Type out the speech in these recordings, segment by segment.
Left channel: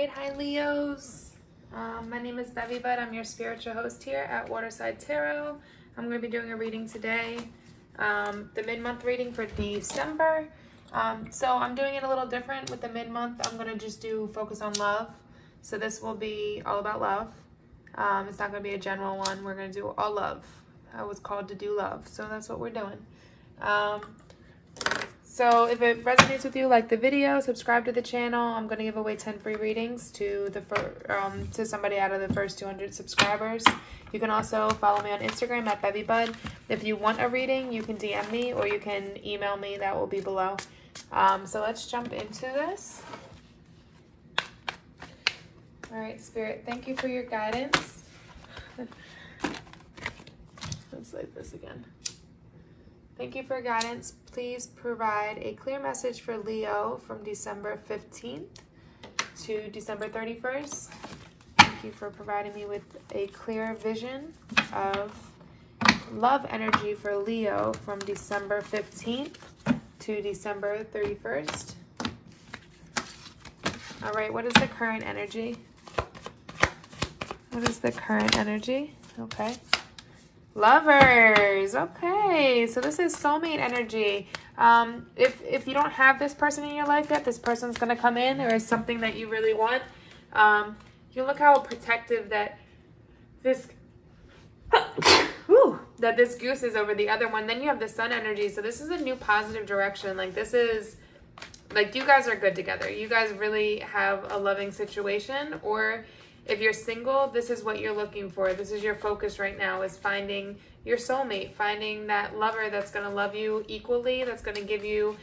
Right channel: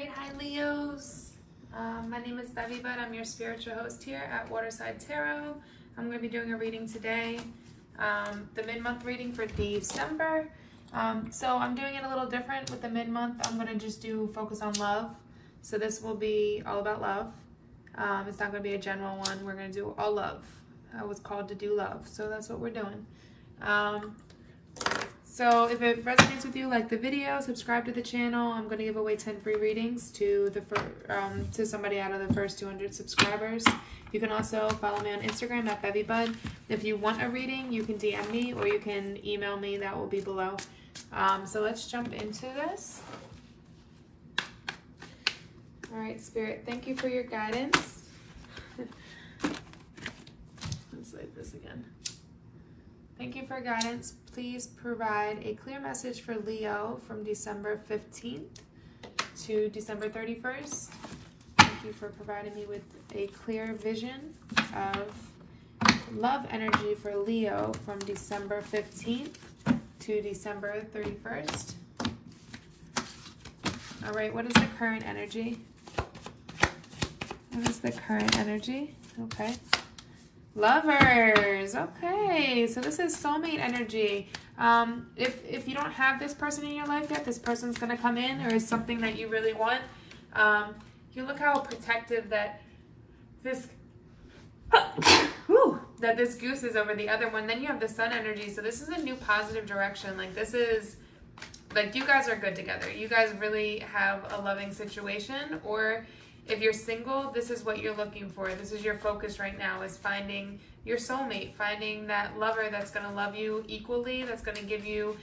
right, hi Leos. My name is bevybud. I'm your spiritual host here at Waterside Tarot. I'm going to be doing a reading today, the mid-month reading for December. So I'm doing it a little different with the mid-month. I'm going to just do focus on love. So this will be all about love. It's not going to be a general one. We're going to do all love. I was called to do love, so that's what we're doing. So if it resonates with you, like the video, subscribe to the channel. I'm going to give away 10 free readings to to somebody out of the first 200 subscribers. You can also follow me on Instagram at bevybud. If you want a reading, you can DM me or you can email me. That will be below. So let's jump into this. All right, Spirit, thank you for your guidance. Let's like this again. Thank you for guidance. Please provide a clear message for Leo from December 15th to December 31st. Thank you for providing me with a clear vision of love energy for Leo from December 15th to December 31st. All right, what is the current energy? What is the current energy? Okay. Lovers. Okay, so this is soulmate energy. If you don't have this person in your life yet, this person's going to come in. There is something that you really want. You look how protective that this that this goose is over the other one. Then you have the sun energy. So this is a new positive direction. Like this is like you guys are good together. You guys really have a loving situation. Or if you're single, this is what you're looking for. This is your focus right now, is finding your soulmate, finding that lover that's going to love you equally, that's going to give you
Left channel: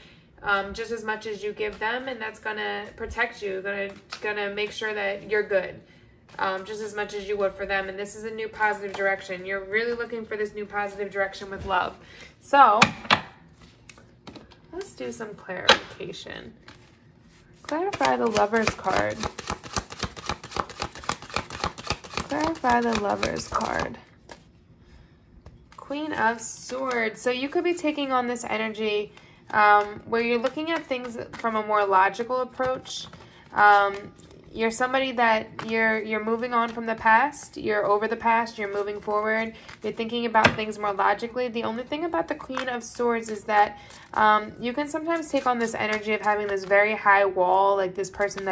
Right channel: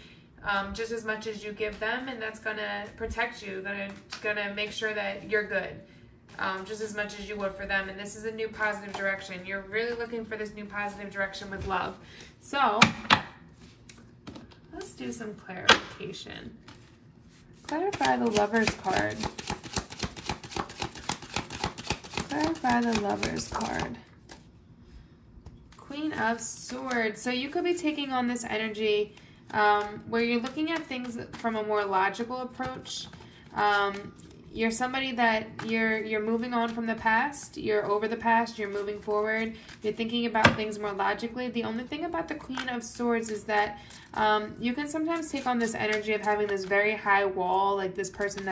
just as much as you give them, and that's going to protect you, going to make sure that you're good just as much as you would for them. And this is a new positive direction. You're really looking for this new positive direction with love. So let's do some clarification. Clarify the Lover's card. Clarify the Lover's card. Queen of Swords. So you could be taking on this energy where you're looking at things from a more logical approach. You're somebody that you're moving on from the past. You're over the past. You're moving forward. You're thinking about things more logically. The only thing about the Queen of Swords is that you can sometimes take on this energy of having this very high wall, like this person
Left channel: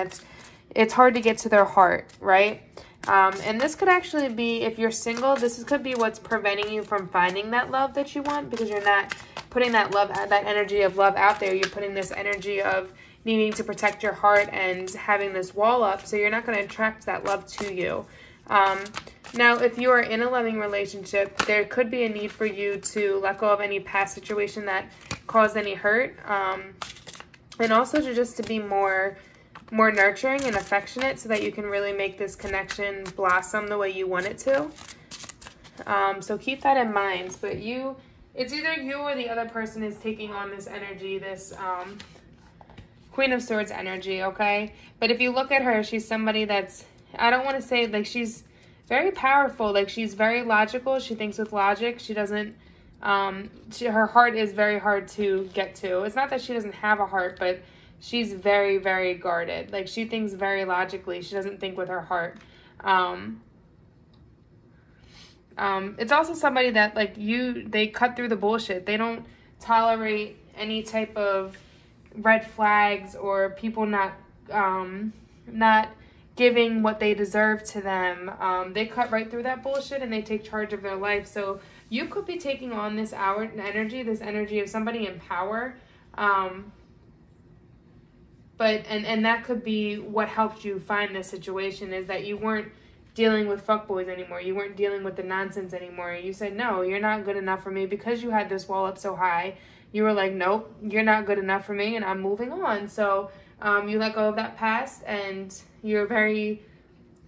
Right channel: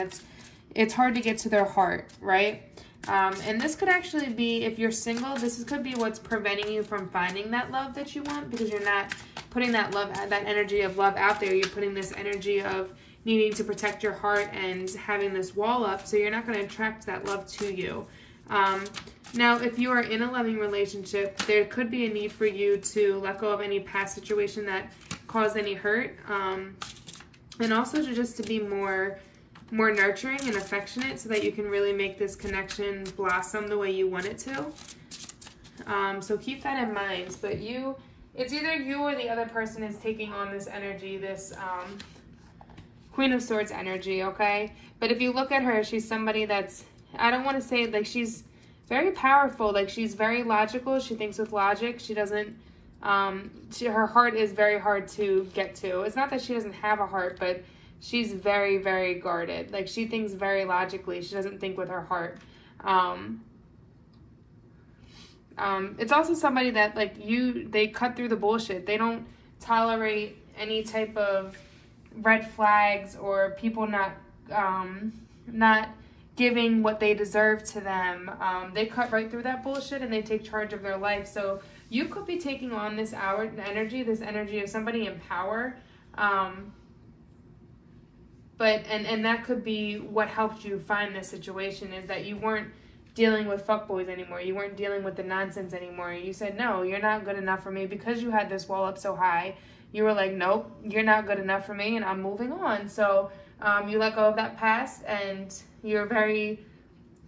it's hard to get to their heart, right? And this could actually be, if you're single, this could be what's preventing you from finding that love that you want, because you're not putting that energy of love out there. You're putting this energy of needing to protect your heart and having this wall up, so you're not going to attract that love to you. Now, if you are in a loving relationship, there could be a need for you to let go of any past situation that caused any hurt, and also to be more nurturing and affectionate, so that you can really make this connection blossom the way you want it to. So keep that in mind. But it's either you or the other person is taking on this energy, this Queen of Swords energy, okay? But if you look at her, she's somebody that's, I don't want to say, like, she's very powerful. Like, she's very logical. She thinks with logic. She doesn't, her heart is very hard to get to. It's not that she doesn't have a heart, but she's very, very guarded. Like, she thinks very logically. She doesn't think with her heart. It's also somebody that, like, they cut through the bullshit. They don't tolerate any type of red flags or people not giving what they deserve to them. They cut right through that bullshit and they take charge of their life. So you could be taking on this energy of somebody in power. And that could be what helped you find this situation, is that you weren't dealing with fuckboys anymore. You weren't dealing with the nonsense anymore. You said, no, you're not good enough for me. Because you had this wall up so high, you were like, nope, you're not good enough for me, and I'm moving on. So you let go of that past, and you're a very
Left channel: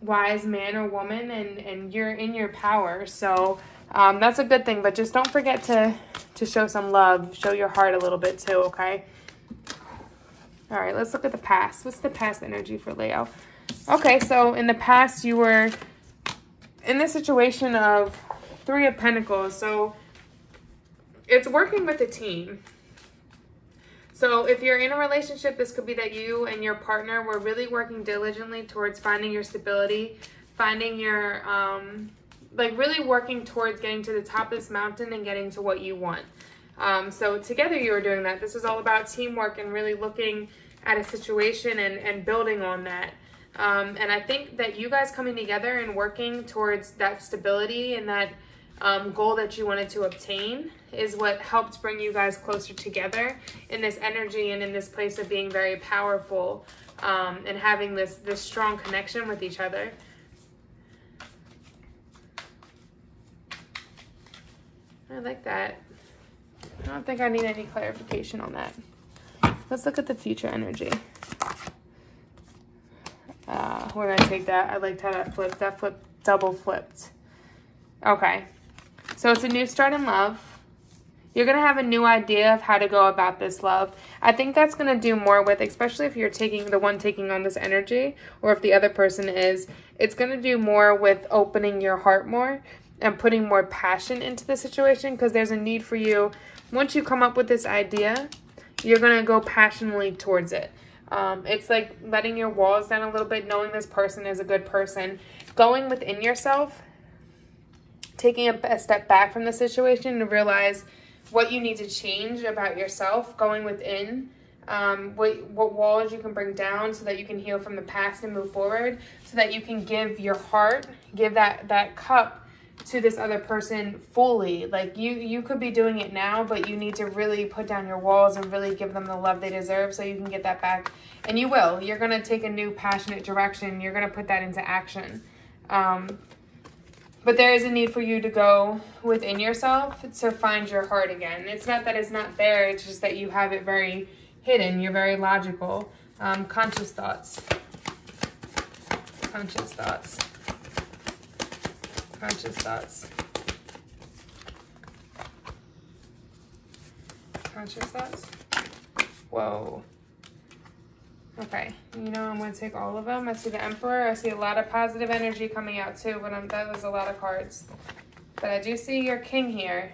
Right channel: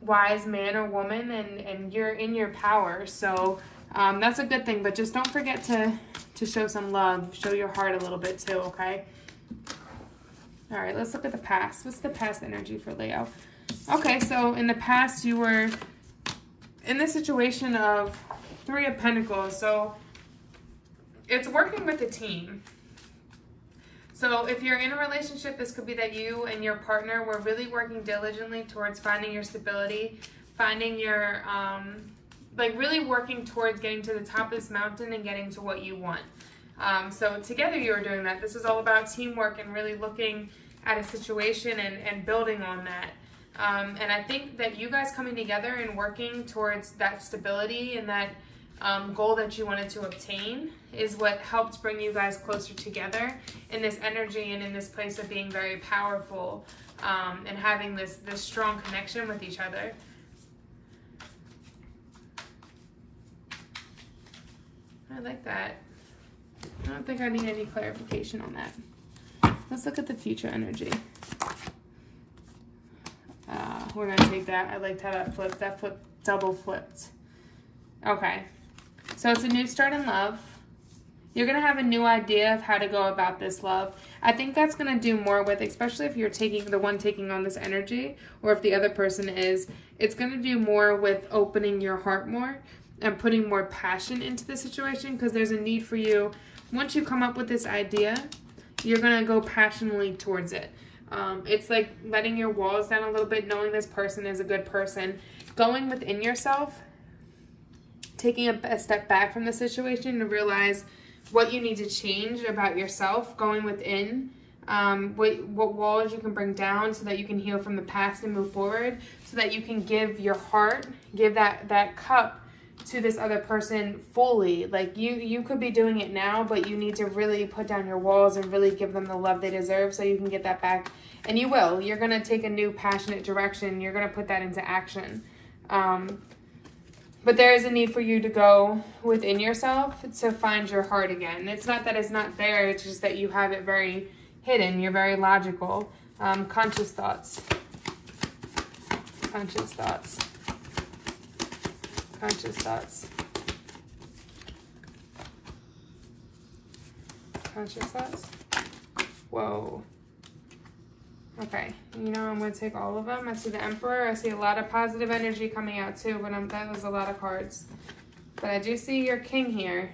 wise man or woman, and you're in your power. So that's a good thing. But just don't forget to show some love. Show your heart a little bit too, okay? All right, let's look at the past. What's the past energy for Leo? Okay, so in the past, you were in the situation of 3 of Pentacles. So it's working with a team. So if you're in a relationship, this could be that you and your partner were really working diligently towards finding your stability, finding your, like really working towards getting to the top of this mountain and getting to what you want. So together you were doing that. This is all about teamwork and really looking at a situation and building on that. And I think that you guys coming together and working towards that stability and that goal that you wanted to obtain is what helped bring you guys closer together in this energy and in this place of being very powerful and having this strong connection with each other. I like that. I don't think I need any clarification on that. Let's look at the future energy. We're gonna take that. I liked how that flipped. That flipped, double flipped. Okay. So it's a new start in love. You're going to have a new idea of how to go about this love. I think that's going to do more with, especially if you're the one taking on this energy, or if the other person is, it's going to do more with opening your heart more and putting more passion into the situation, because there's a need for you. Once you come up with this idea, you're going to go passionately towards it. It's like letting your walls down a little bit, knowing this person is a good person, going within yourself, taking a step back from the situation to realize what you need to change about yourself, going within, what walls you can bring down so that you can heal from the past and move forward, so that you can give your heart, give that cup to this other person fully. Like you could be doing it now, but you need to really put down your walls and really give them the love they deserve so you can get that back. And you will. You're going to take a new passionate direction. You're going to put that into action. But there is a need for you to go within yourself to find your heart again. It's not that it's not there, it's just that you have it very hidden. You're very logical. Conscious thoughts. Conscious thoughts. Conscious thoughts. Conscious thoughts. Whoa. Okay, you know, I'm going to take all of them. I see the Emperor. I see a lot of positive energy coming out too, but that was a lot of cards. But I do see your King here.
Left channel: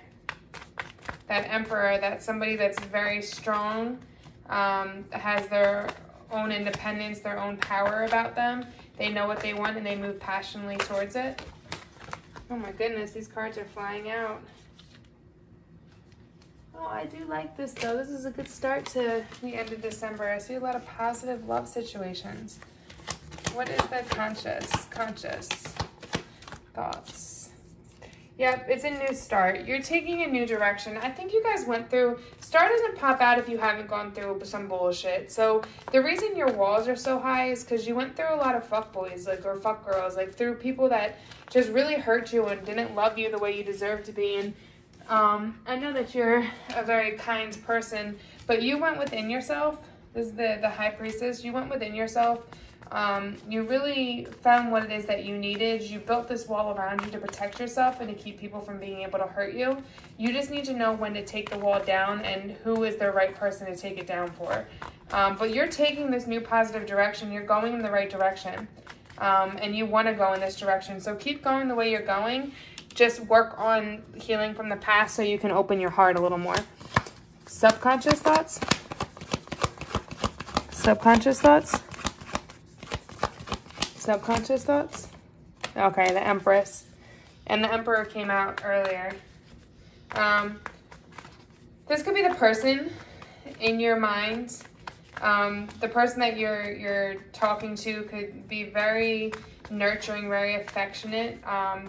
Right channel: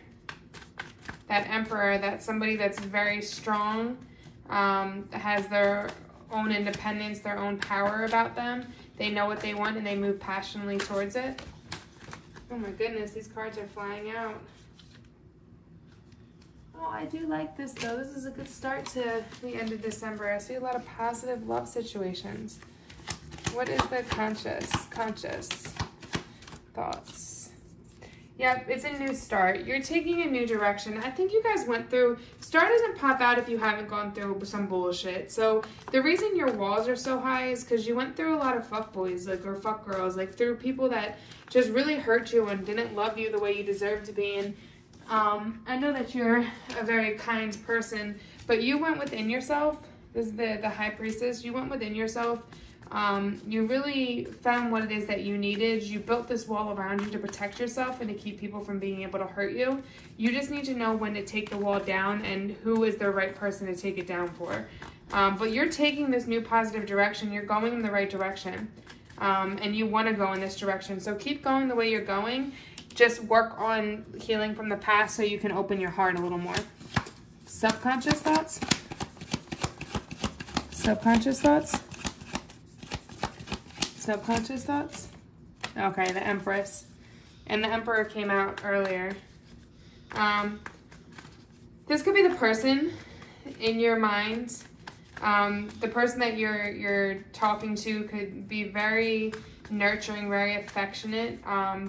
That Emperor, that's somebody that's very strong, has their own independence, their own power about them. They know what they want and they move passionately towards it. Oh my goodness, these cards are flying out. Oh, I do like this though. This is a good start to the end of December. I see a lot of positive love situations. What is the conscious thoughts? Yep, it's a new start. You're taking a new direction. I think you guys went through, star doesn't pop out if you haven't gone through some bullshit. So the reason your walls are so high is because you went through a lot of fuckboys, like, or fuck girls, like through people that just really hurt you and didn't love you the way you deserve to be. And I know that you're a very kind person, but you went within yourself. This is the High Priestess. You went within yourself. You really found what it is that you needed. You built this wall around you to protect yourself and to keep people from being able to hurt you. You just need to know when to take the wall down and who is the right person to take it down for. But you're taking this new positive direction. You're going in the right direction. And you want to go in this direction. So keep going the way you're going. Just work on healing from the past so you can open your heart a little more. Subconscious thoughts. Subconscious thoughts. Subconscious thoughts. Okay, the Empress. And the Emperor came out earlier. This could be the person in your mind. The person that you're talking to could be very nurturing, very affectionate.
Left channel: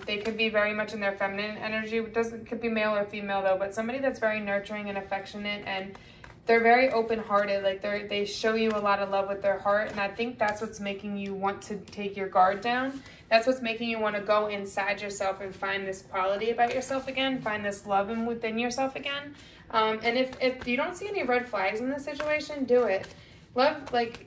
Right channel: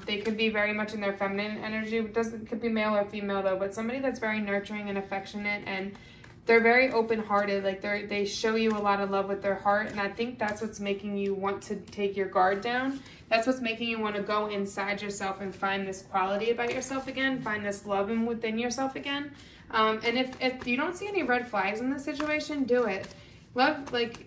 They could be very much in their feminine energy. Could be male or female though, but somebody that's very nurturing and affectionate, and they're very open-hearted. Like they show you a lot of love with their heart, and I think that's what's making you want to take your guard down. That's what's making you want to go inside yourself and find this quality about yourself again, find this love within yourself again. And if you don't see any red flags in this situation, do it. Love, like,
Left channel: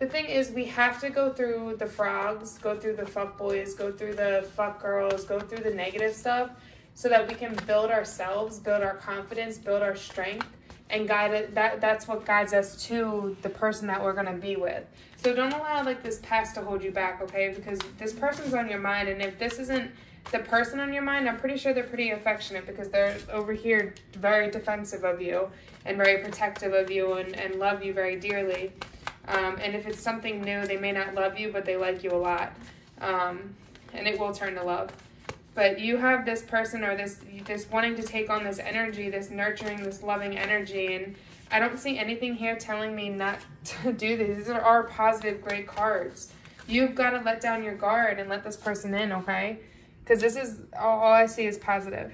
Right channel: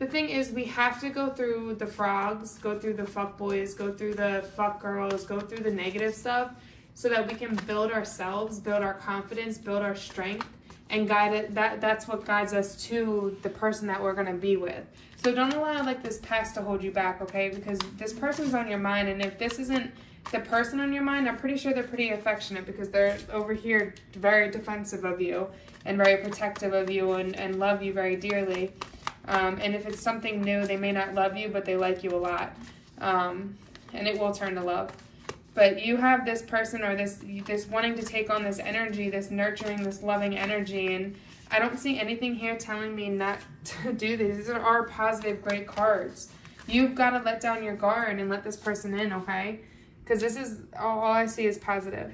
the thing is, we have to go through the frogs, go through the fuck boys, go through the fuck girls, go through the negative stuff so that we can build ourselves, build our confidence, build our strength, and guide it. That's what guides us to the person that we're going to be with. So don't allow like this past to hold you back, okay? Because this person's on your mind, and if this isn't The person on your mind, I'm pretty sure they're pretty affectionate because they're over here very defensive of you and very protective of you and love you very dearly. And if it's something new, they may not love you, but they like you a lot. And it will turn to love. But you have this person or this wanting to take on this energy, this nurturing, this loving energy. And I don't see anything here telling me not to do these. These are positive, great cards. You've got to let down your guard and let this person in, okay? Because this is, all I see is positive.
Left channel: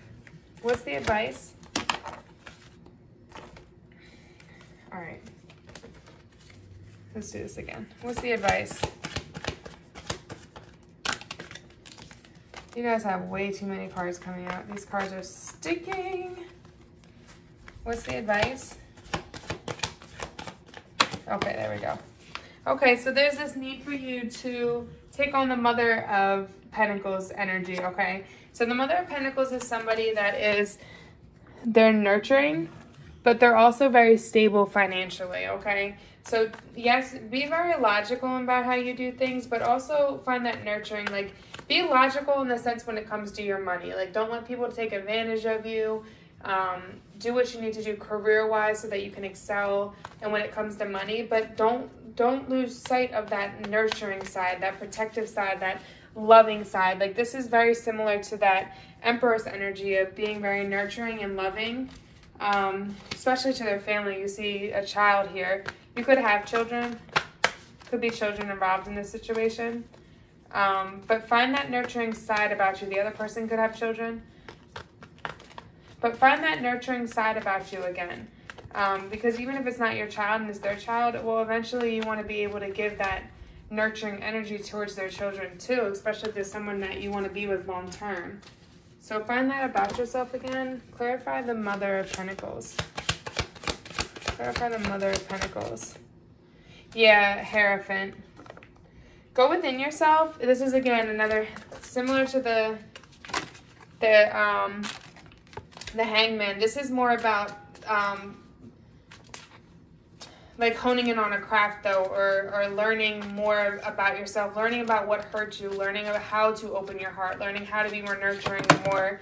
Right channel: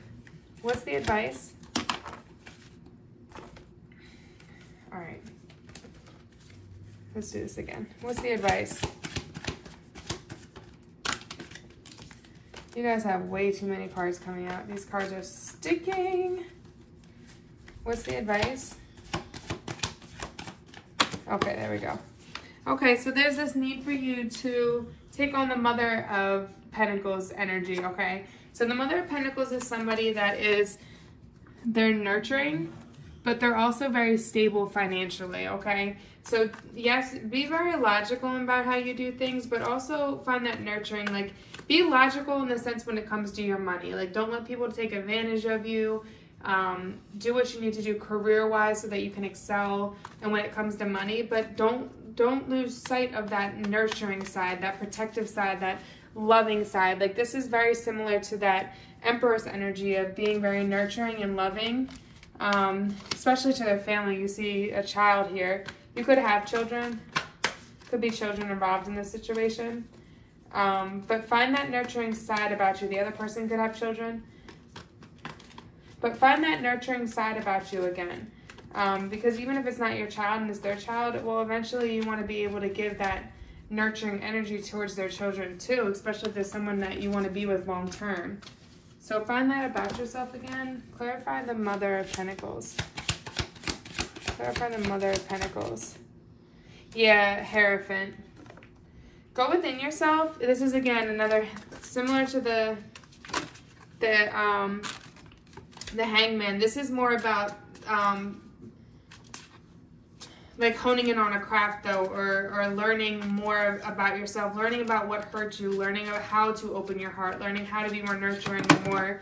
What's the advice? All right. Let's do this again. What's the advice? You guys have way too many cards coming out. These cards are sticking. What's the advice? Okay, there we go. Okay, so there's this need for you to take on the Mother of Pentacles energy, okay? So the Mother of Pentacles is somebody that they're nurturing, but they're also very stable financially, okay? So yes, be very logical about how you do things, but also find that nurturing, like be logical in the sense when it comes to your money. Like don't let people take advantage of you. Do what you need to do career-wise so that you can excel and when it comes to money, but don't lose sight of that nurturing side, that protective side, that loving side. Like this is very similar to that Empress energy of being very nurturing and loving, especially to their family. You see a child here. You could have children, could be children involved in this situation, but find that nurturing side about you. The other person could have children, but find that nurturing side about you again. Because even if it's not your child and it's their child, well, eventually you want to be able to give that nurturing energy towards their children too, especially if there's someone that you want to be with long term. So find that about yourself again. Clarify the Mother of Pentacles. Clarify the Mother of Pentacles. Yeah, Hierophant. Go within yourself. This is again another similar to the Hangman. This is more about like honing in on a craft though, or learning more about yourself, learning about what hurts you, learning about how to open your heart, learning how to be more nurturing, more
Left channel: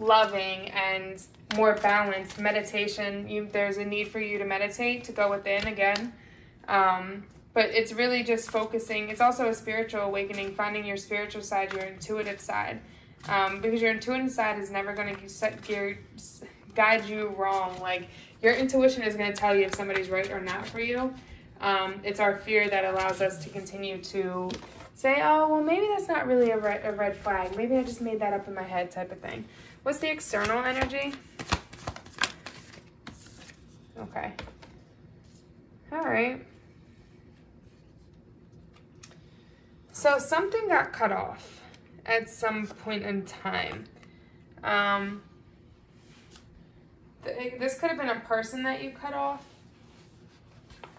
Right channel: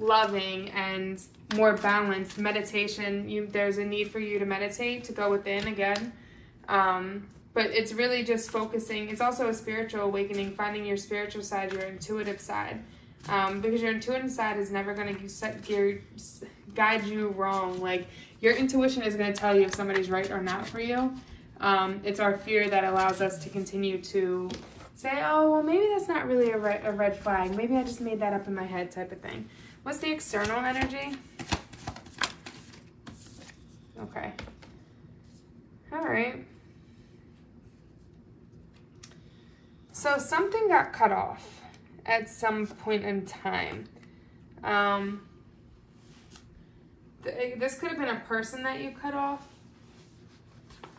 loving and more balanced. Meditation, there's a need for you to meditate, to go within again. But it's really just focusing. It's also a spiritual awakening, finding your spiritual side, your intuitive side. Because your intuitive side is never going to guide you wrong. Like, your intuition is going to tell you if somebody's right or not for you. It's our fear that allows us to continue to say, oh, well, maybe that's not really a red flag. Maybe I just made that up in my head type of thing. What's the external energy? Okay. All right. So something got cut off at some point in time. This could have been a person that you cut off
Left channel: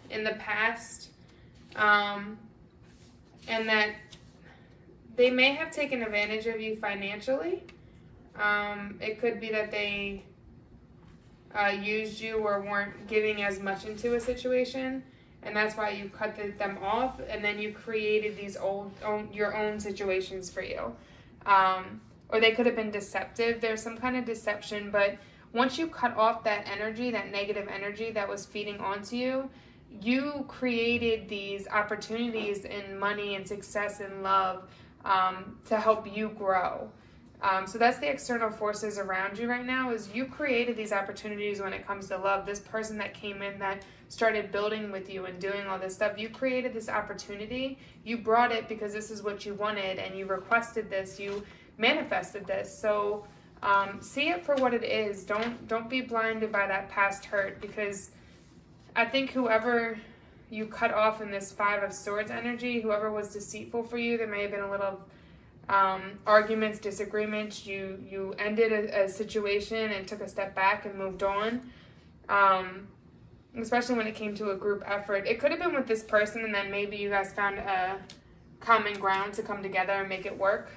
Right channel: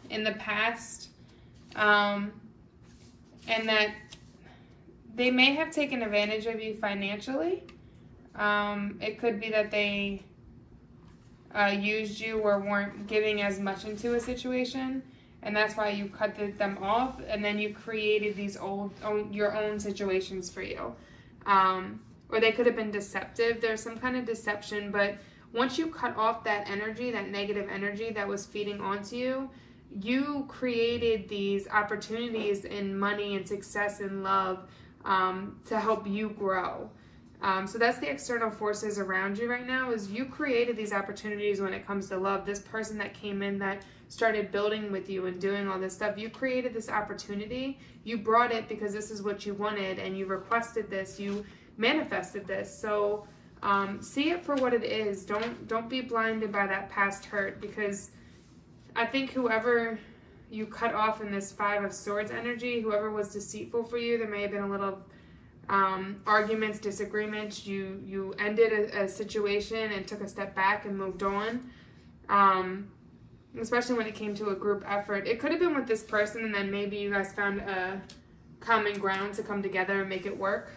in the past, and that they may have taken advantage of you financially. It could be that they used you or weren't giving as much into a situation, and that's why you cut them off, and then you created these your own situations for you. Or they could have been deceptive. There's some kind of deception, but once you cut off that energy, that negative energy that was feeding onto you, you created these opportunities in money and success and love to help you grow. So that's the external forces around you right now, is you created these opportunities when it comes to love. This person that came in that started building with you and doing all this stuff, you created this opportunity. You brought it because this is what you wanted, and you requested this, you manifested this. So see it for what it is. Don't be blinded by that past hurt, because I think whoever you cut off in this Five of Swords energy, whoever was deceitful for you, there may have been a little arguments, disagreements. You ended a situation and took a step back and moved on. Especially when it came to a group effort. It could have been with this person, and then maybe you guys found a common ground to come together and make it work.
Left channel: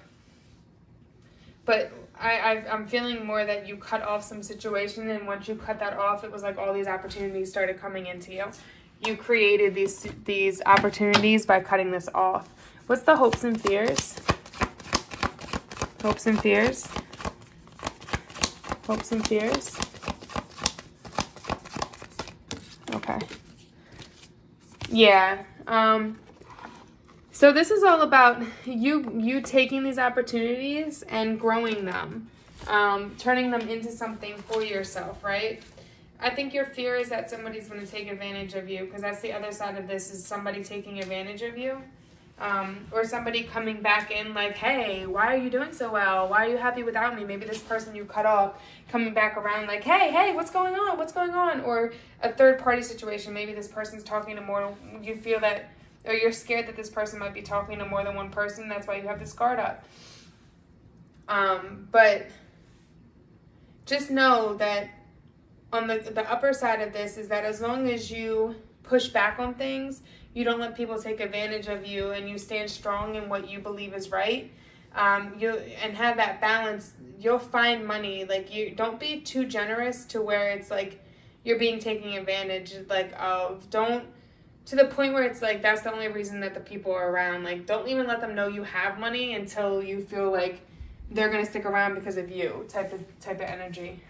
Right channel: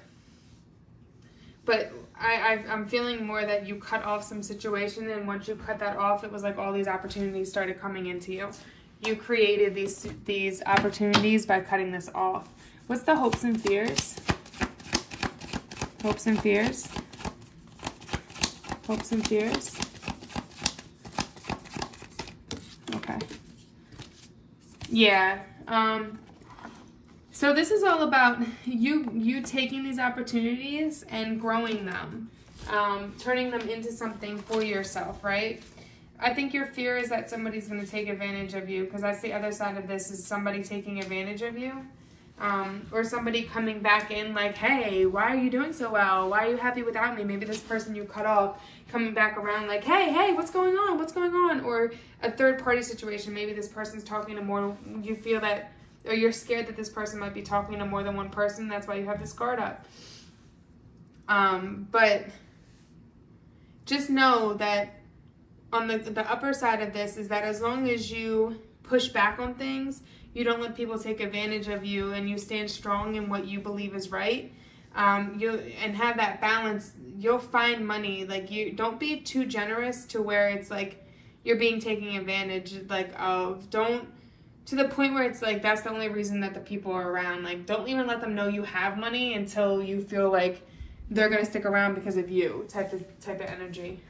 But I'm feeling more that you cut off some situation, and once you cut that off, it was like all these opportunities started coming into you. You created these opportunities by cutting this off. What's the hopes and fears? Hopes and fears. Hopes and fears. Okay. Yeah. So this is all about you taking these opportunities and growing them, turning them into something for yourself, right? I think your fear is that somebody's going to take advantage of you, because that's the other side of this, is somebody taking advantage of you. Or somebody coming back in like, hey, why are you doing so well? Why are you happy without me? Maybe this person you cut off coming back around like, hey, what's going on? What's going on? Or a third party situation. Maybe this person's talking to more, you feel that, or you're scared that this person might be talking to more than one person. That's why you have this guard up. But just know that on the upper side of this is that as long as you push back on things, you don't let people take advantage of you, and you stand strong in what you believe is right, and have that balance, you'll find money. Like, you don't be too generous to where it's like you're being taken advantage of. Don't, to the point where it's like that's the only reason that the people are around. Like, don't even let them know you have money until you feel like they're gonna stick around because of you, type of energy.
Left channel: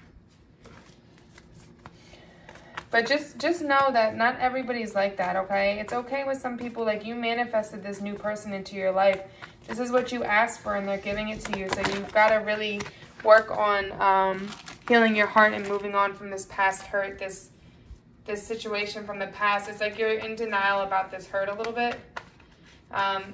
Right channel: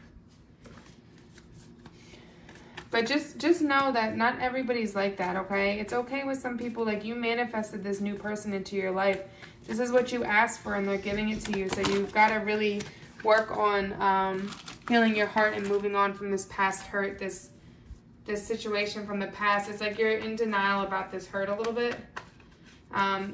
But just know that not everybody's like that, okay? It's okay with some people. Like, you manifested this new person into your life. This is what you asked for, and they're giving it to you. So you've got to really work on healing your heart and moving on from this past hurt, this situation from the past. It's like you're in denial about this hurt a little bit.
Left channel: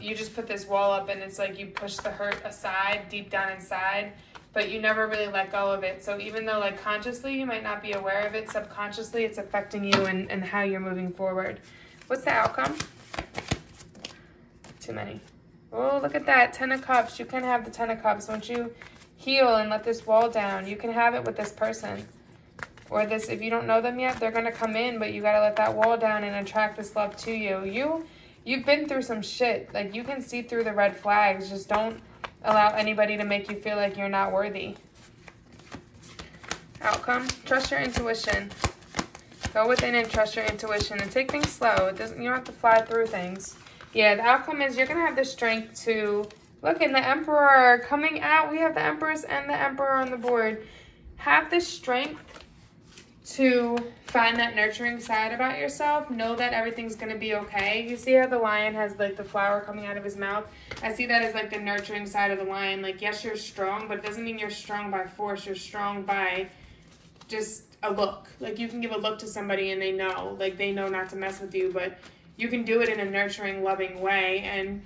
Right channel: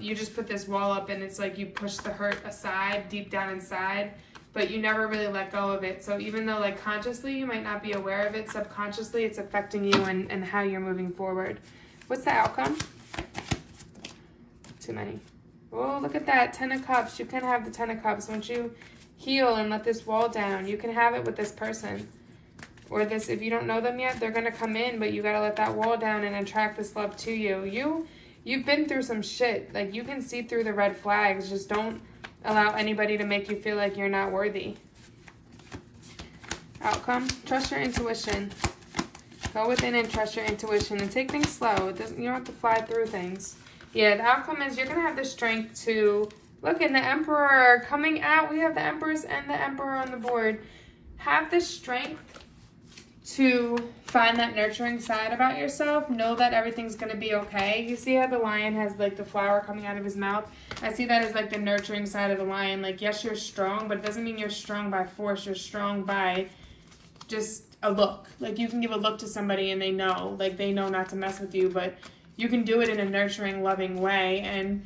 You just put this wall up, and it's like you push the hurt aside deep down inside, but you never really let go of it. So even though, like, consciously you might not be aware of it, subconsciously it's affecting you and how you're moving forward. What's the outcome? Too many. Oh, look at that. 10 of Cups. You can have the 10 of Cups. Once you heal and let this wall down, you can have it with this person. Or this, if you don't know them yet, they're going to come in, but you got to let that wall down and attract this love to you. You've been through some shit. Like, you can see through the red flags. Just don't allow anybody to make you feel like you're not worthy. Outcome. Trust your intuition. Go within and trust your intuition and take things slow. You don't have to fly through things. Yeah, the outcome is you're going to have the strength to... Look, and the Emperor coming out. We have the Empress and the Emperor on the board. Have the strength to find that nurturing side about yourself. Know that everything's going to be okay. You see how the lion has, like, the flower coming out of his mouth? I see that as, like, the nurturing side of the lion. Like, yes, you're strong, but it doesn't mean you're strong by force. You're strong by just a look. Like, you can give a look to somebody and they know. Like, they know not to mess with you, but you can do it in a nurturing, loving way. And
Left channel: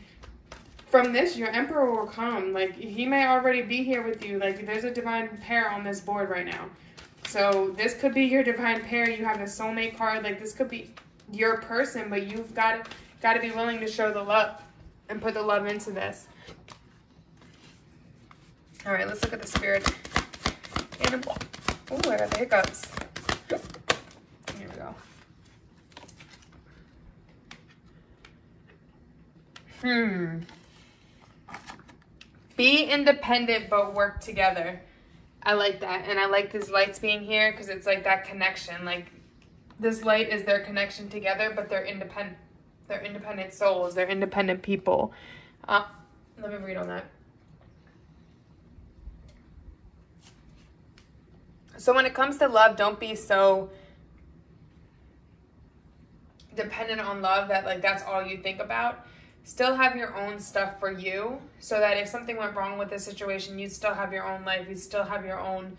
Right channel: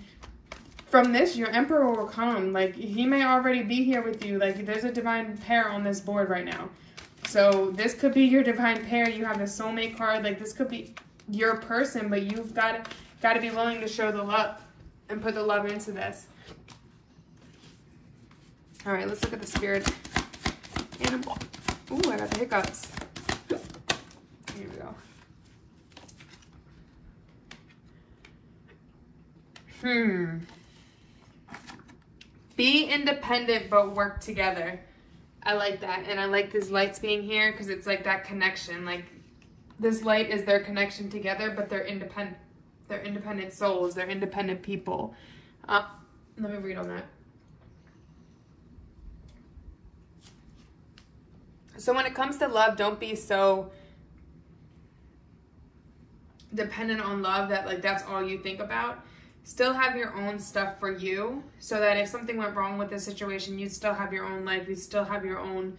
from this, your Emperor will come. Like, he may already be here with you. Like, there's a divine pair on this board right now. So this could be your divine pair. You have a soulmate card. Like, this could be your person, but you've got to be willing to show the love and put the love into this. All right, let's look at the spirit animal. Ooh, I got the hiccups. Here we go. Be independent, but work together. I like that. And I like these lights being here because it's like that connection. Like, this light is their connection together, but they're independent. They're independent souls. They're independent people. Let me read on that. So when it comes to love, don't be so dependent on love that, like, that's all you think about. Still have your own stuff for you, so that if something went wrong with the situation, you'd still have your own life. You'd still have your own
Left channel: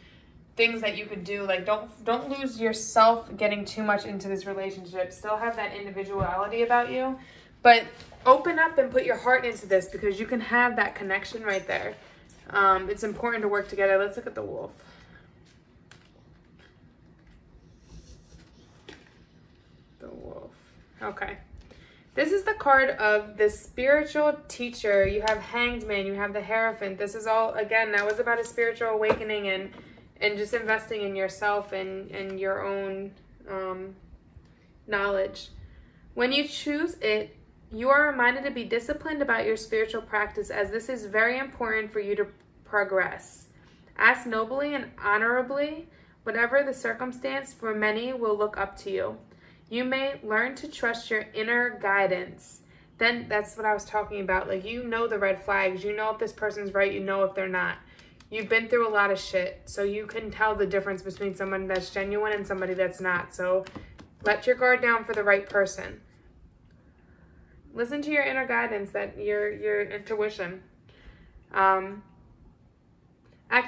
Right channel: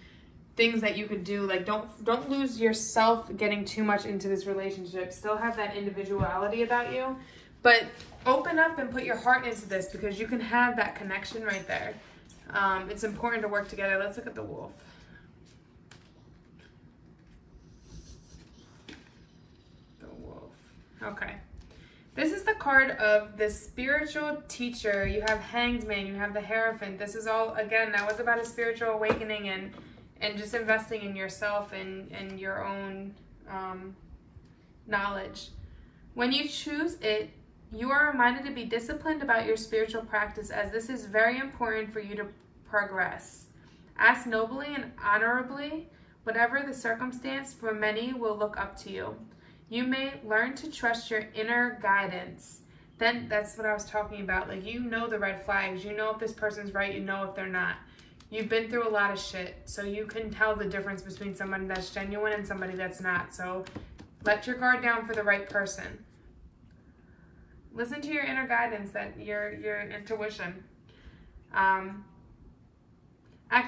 things that you could do. Like, don't lose yourself getting too much into this relationship. Still have that individuality about you, but open up and put your heart into this, because you can have that connection right there. It's important to work together. Let's look at the wolf. The wolf. Okay. This is the card of the spiritual teacher. You have Hanged Man, you have the Hierophant. This is all, again, that was about a spiritual awakening and just investing in yourself and your own knowledge. When you choose it, you are reminded to be disciplined about your spiritual practice, as this is very important for you to progress. Act nobly and honorably, whatever the circumstance, for many will look up to you. You may learn to trust your inner guidance. then that's what I was talking about. Like, you know the red flags. You know if this person's right. You know if they're not. You've been through a lot of shit, so you can tell the difference between somebody that's genuine and somebody that's not. So let your guard down for the right person. Listen to your inner guidance, your intuition. Act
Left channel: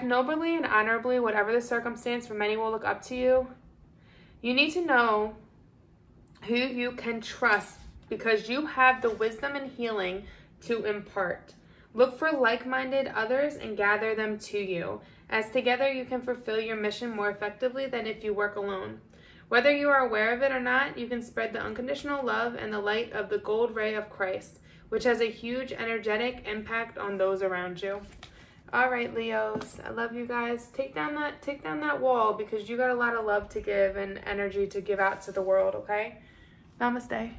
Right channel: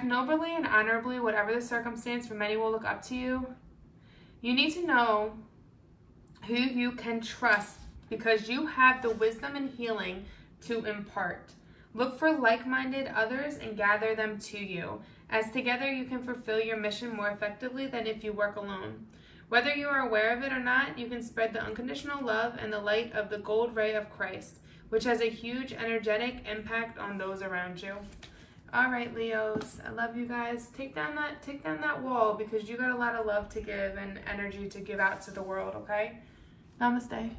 nobly and honorably, whatever the circumstance, for many will look up to you. You need to know who you can trust because you have the wisdom and healing to impart. Look for like-minded others and gather them to you, as together you can fulfill your mission more effectively than if you work alone. Whether you are aware of it or not, you can spread the unconditional love and the light of the gold ray of Christ, which has a huge energetic impact on those around you. All right, Leos, I love you guys. Take down that wall because you got a lot of love to give and energy to give out to the world, okay? Namaste.